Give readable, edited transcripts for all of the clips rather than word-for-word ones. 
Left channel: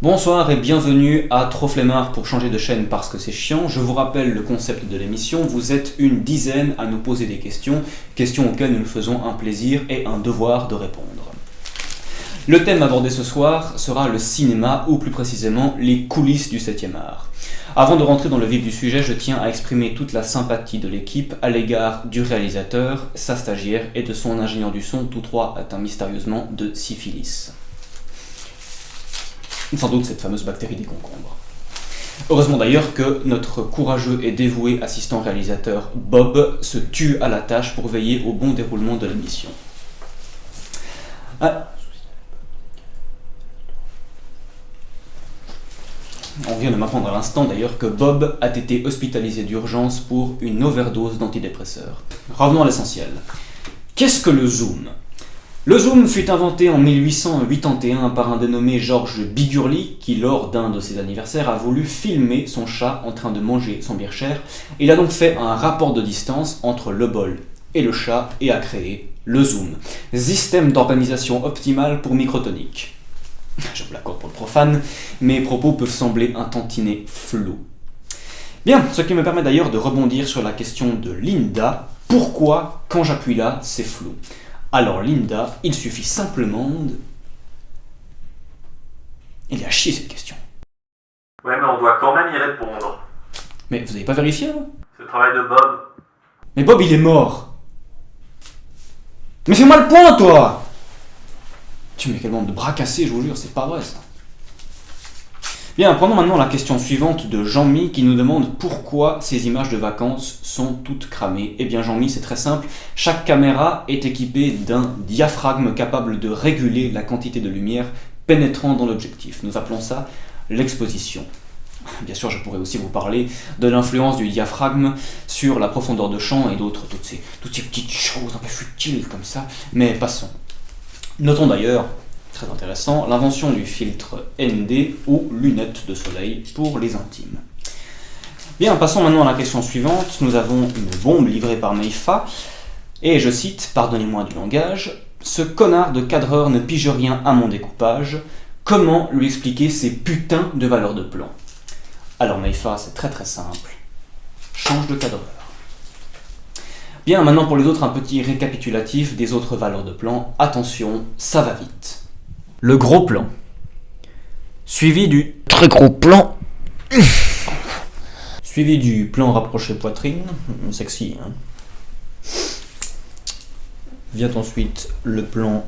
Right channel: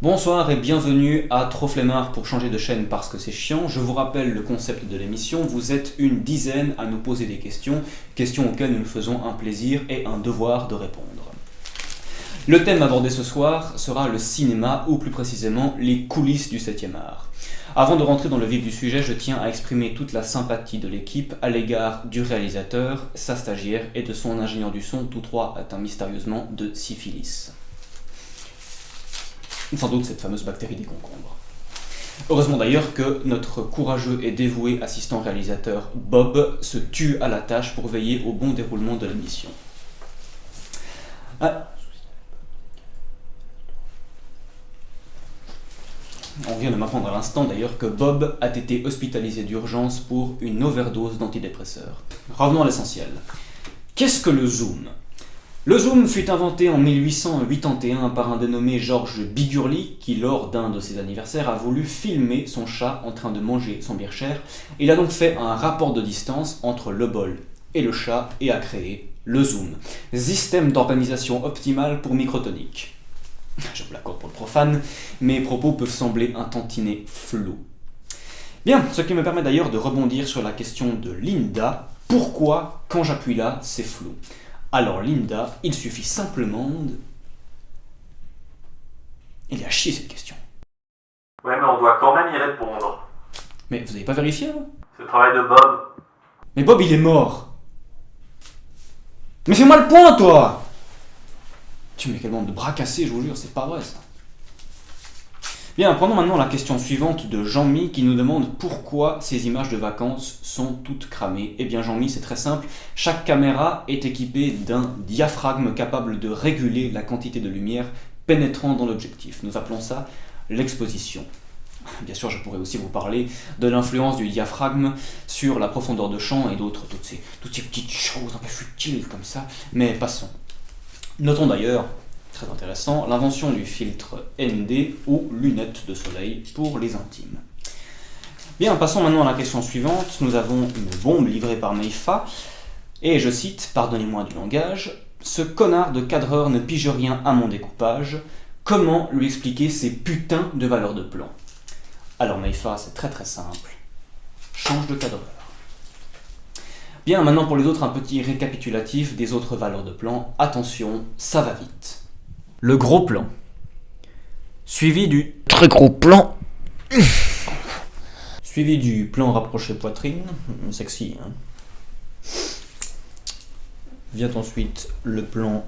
Bonsoir et bienvenue à Trop Flemmard pour changer de chaîne parce que c'est chiant. Je vous rappelle le concept de l'émission, vous êtes une dizaine à nous poser des questions, questions auxquelles nous nous faisons un plaisir et un devoir de répondre. Le thème abordé ce soir sera le cinéma, ou plus précisément les coulisses du 7e art. Avant de rentrer dans le vif du sujet, je tiens à exprimer toute la sympathie de l'équipe à l'égard du réalisateur, sa stagiaire et de son ingénieur du son, tous trois atteints mystérieusement de syphilis. Sans doute cette fameuse bactérie des concombres. Heureusement d'ailleurs que notre courageux et dévoué assistant réalisateur Bob se tue à la tâche pour veiller au bon déroulement de l'émission. On vient de m'apprendre à l'instant d'ailleurs que Bob a été hospitalisé d'urgence pour une overdose d'antidépresseurs. Revenons à l'essentiel. Qu'est-ce que le zoom ? Le zoom fut inventé en 1881 par un dénommé Georges Bigurli qui, lors d'un de ses anniversaires, a voulu filmer son chat en train de manger son Bircher. Il a donc fait un rapport de distance entre le bol et le chat et a créé le zoom, système d'organisation optimale pour microtonique. Je me l'accorde pour le profane, mes propos peuvent sembler un tantinet flous. Bien, ce qui me permet d'ailleurs de rebondir sur la question de Linda. Pourquoi, quand j'appuie là, c'est flou ? Alors Linda, il suffit simplement de... Il est à chier cette question. Ouais, mais on doit quand même y répondre. Mais vous n'avez pas vérifié, là ? C'est le travail de Bob. Mais Bob, il est mort. Mais fais-moi le point, toi ! Tu mets quel bande de bras cassés, je vous jure, c'est pas vrai, ça. Bien, prenons maintenant la question suivante de Jean-Mi qui nous demande pourquoi ces images de vacances sont toutes cramées. Eh bien Jean-Mi, c'est très simple, chaque caméra est équipée d'un diaphragme capable de réguler la quantité de lumière pénétrant dans l'objectif. Nous appelons ça l'exposition. Bien sûr, je pourrais aussi vous parler de l'influence du diaphragme sur la profondeur de champ et d'autres, toutes ces petites choses un peu futiles comme ça, mais passons. Notons d'ailleurs, très intéressant, l'invention du filtre ND ou lunettes de soleil pour les intimes. Bien, passons maintenant à la question suivante. Nous avons une bombe livrée par Meifa, et je cite, pardonnez-moi du langage, « Ce connard de cadreur ne pige rien à mon découpage, comment lui expliquer ces putains de valeurs de plan ?» Alors Meifa, c'est très très simple, change de cadreur. Bien, maintenant pour les autres, un petit récapitulatif des autres valeurs de plan. Attention, ça va vite. Le gros plan, suivi du très gros plan, suivi du plan rapproché poitrine, sexy, hein. Vient ensuite le plan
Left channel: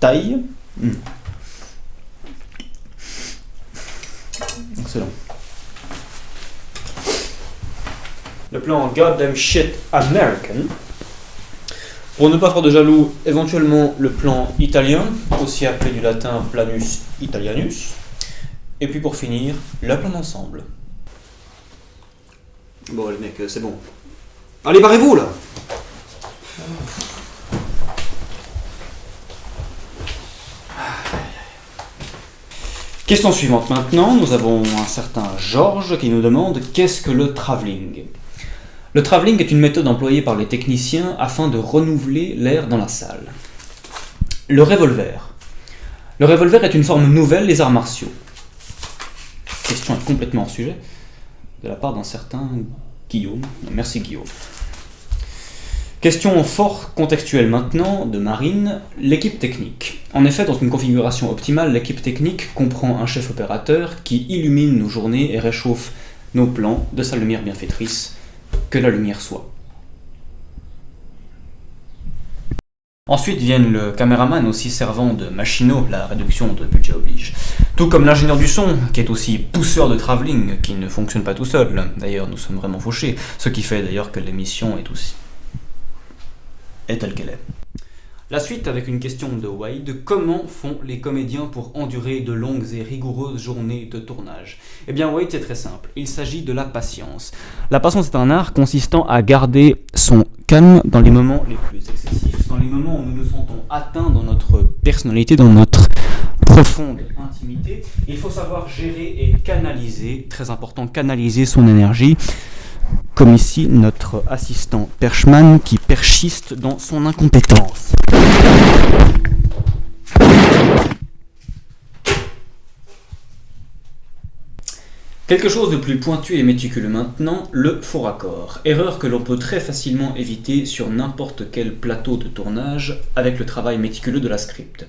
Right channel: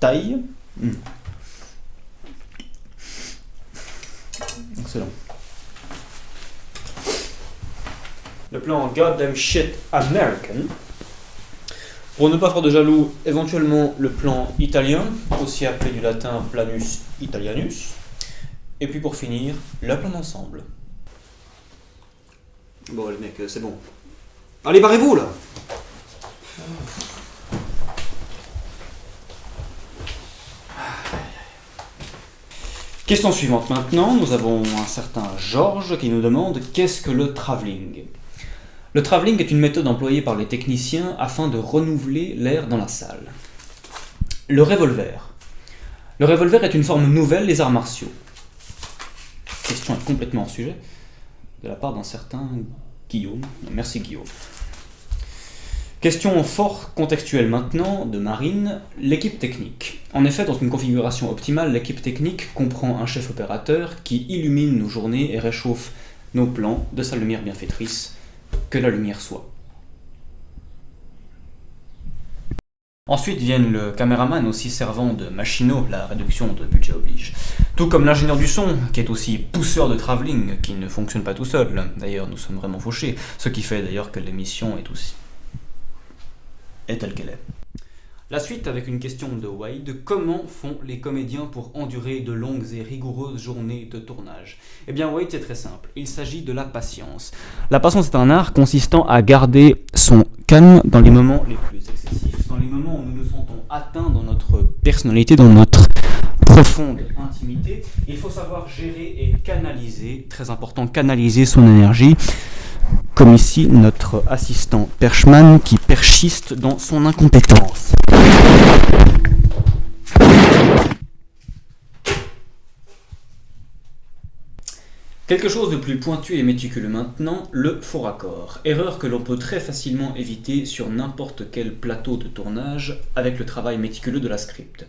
taille. Excellent. Le plan Goddamn Shit American. Pour ne pas faire de jaloux, éventuellement le plan italien, aussi appelé du latin planus italianus. Et puis pour finir, le plan d'ensemble. Bon les mecs, c'est bon. Allez, barrez-vous là! Question suivante maintenant, nous avons un certain Georges qui nous demande qu'est-ce que le travelling. Le travelling est une méthode employée par les techniciens afin de renouveler l'air dans la salle. Le revolver. Le revolver est une forme nouvelle des arts martiaux. Question est complètement hors sujet, de la part d'un certain Guillaume. Merci Guillaume. Question fort contextuelle maintenant de Marine, l'équipe technique. En effet, dans une configuration optimale, l'équipe technique comprend un chef opérateur qui illumine nos journées et réchauffe nos plans de sa lumière bienfaitrice, que la lumière soit. Ensuite viennent le caméraman aussi servant de machinot, la réduction de budget oblige. Tout comme l'ingénieur du son, qui est aussi pousseur de travelling, qui ne fonctionne pas tout seul. D'ailleurs, nous sommes vraiment fauchés, ce qui fait d'ailleurs que l'émission est telle qu'elle est. La suite avec une question de Wade, comment font les comédiens pour endurer de longues et rigoureuses journées de tournage ? Eh bien Wade, c'est très simple, il s'agit de la patience. La patience est un art consistant à garder son calme dans les moments les plus excessifs, dans les moments où nous nous sentons atteints dans notre personnalité, dans notre profonde intimité. Il faut savoir gérer et canaliser, très important, canaliser son énergie, comme ici notre assistant Perchman qui perchiste dans son incompétence. Quelque chose de plus pointu et méticuleux maintenant, le faux raccord. Erreur que l'on peut très facilement éviter sur n'importe quel plateau de tournage avec le travail méticuleux de la script.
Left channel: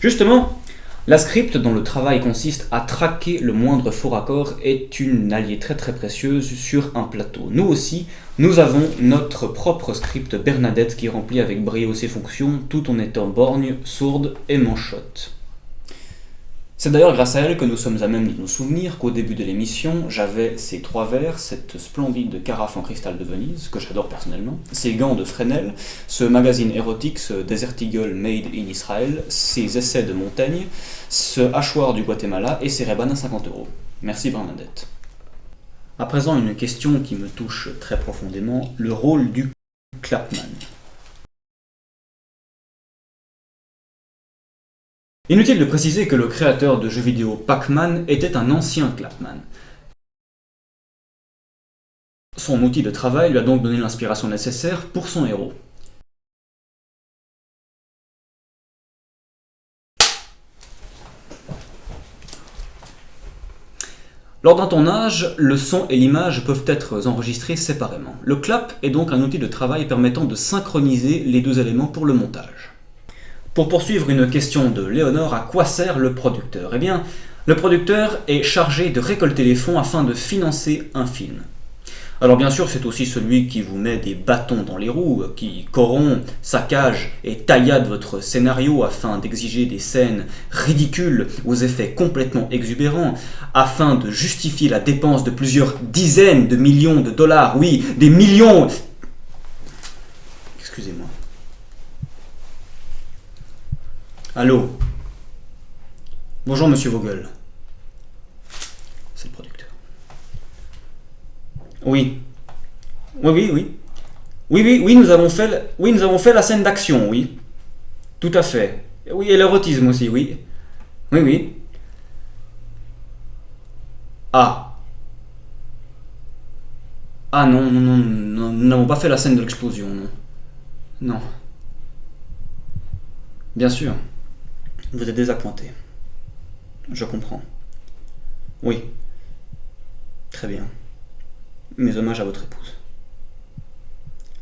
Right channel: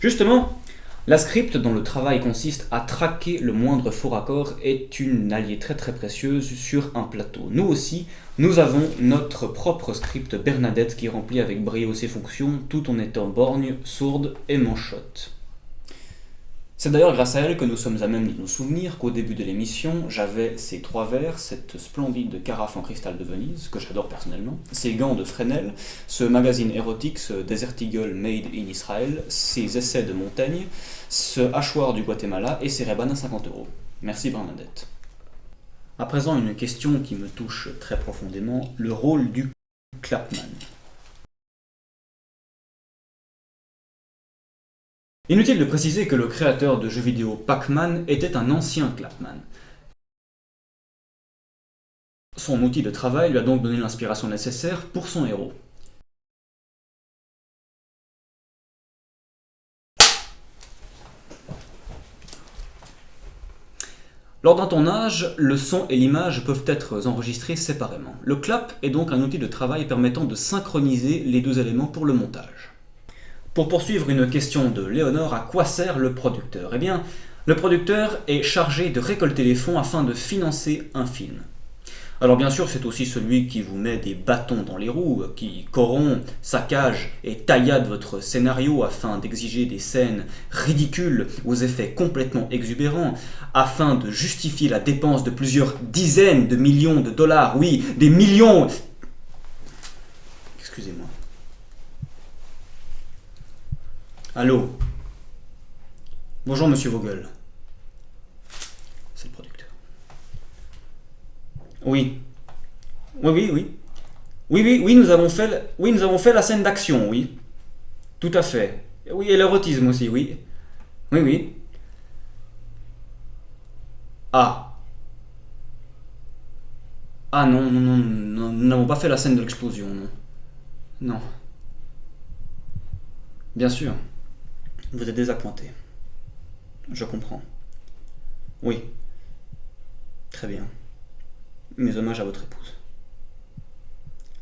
Justement, la script dont le travail consiste à traquer le moindre faux raccord est une alliée très précieuse sur un plateau. Nous aussi, nous avons notre propre script Bernadette qui remplit avec brio ses fonctions tout en étant borgne, sourde et manchotte. C'est d'ailleurs grâce à elle que nous sommes à même de nous souvenir qu'au début de l'émission, j'avais ces 3 verres, cette splendide carafe en cristal de Venise, que j'adore personnellement, ces gants de Fresnel, ce magazine érotique, ce Desert Eagle Made in Israel, ces essais de Montaigne, ce hachoir du Guatemala et ces Ray-Ban à 50 €. Merci Bernadette. À présent, une question qui me touche très profondément, le rôle du clapman. Inutile de préciser que le créateur de jeux vidéo Pac-Man était un ancien clapman. Son outil de travail lui a donc donné l'inspiration nécessaire pour son héros. Lors d'un tournage, le son et l'image peuvent être enregistrés séparément. Le clap est donc un outil de travail permettant de synchroniser les 2 éléments pour le montage. Pour poursuivre une question de Léonore, à quoi sert le producteur? Eh bien, le producteur est chargé de récolter les fonds afin de financer un film. Alors bien sûr, c'est aussi celui qui vous met des bâtons dans les roues, qui corrompt, saccage et taillade votre scénario afin d'exiger des scènes ridicules aux effets complètement exubérants, afin de justifier la dépense de plusieurs dizaines de millions de dollars, oui, des millions. Excusez-moi. Allô? Bonjour Monsieur Vogel. C'est le producteur. Oui. Oui, nous avons fait la scène d'action, oui. Tout à fait. Oui, et l'érotisme aussi, oui. Oui. Ah. Ah non, nous n'avons pas fait la scène de l'explosion, non. Non. Bien sûr. Vous êtes désappointé. Je comprends. Oui. Très bien. Mes hommages à votre épouse.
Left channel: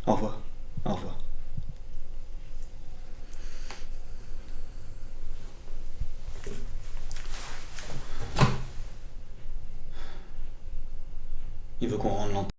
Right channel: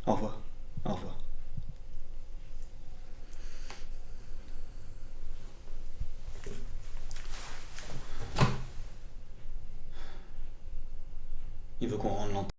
Au revoir. Au revoir. Il veut qu'on rende l'antenne.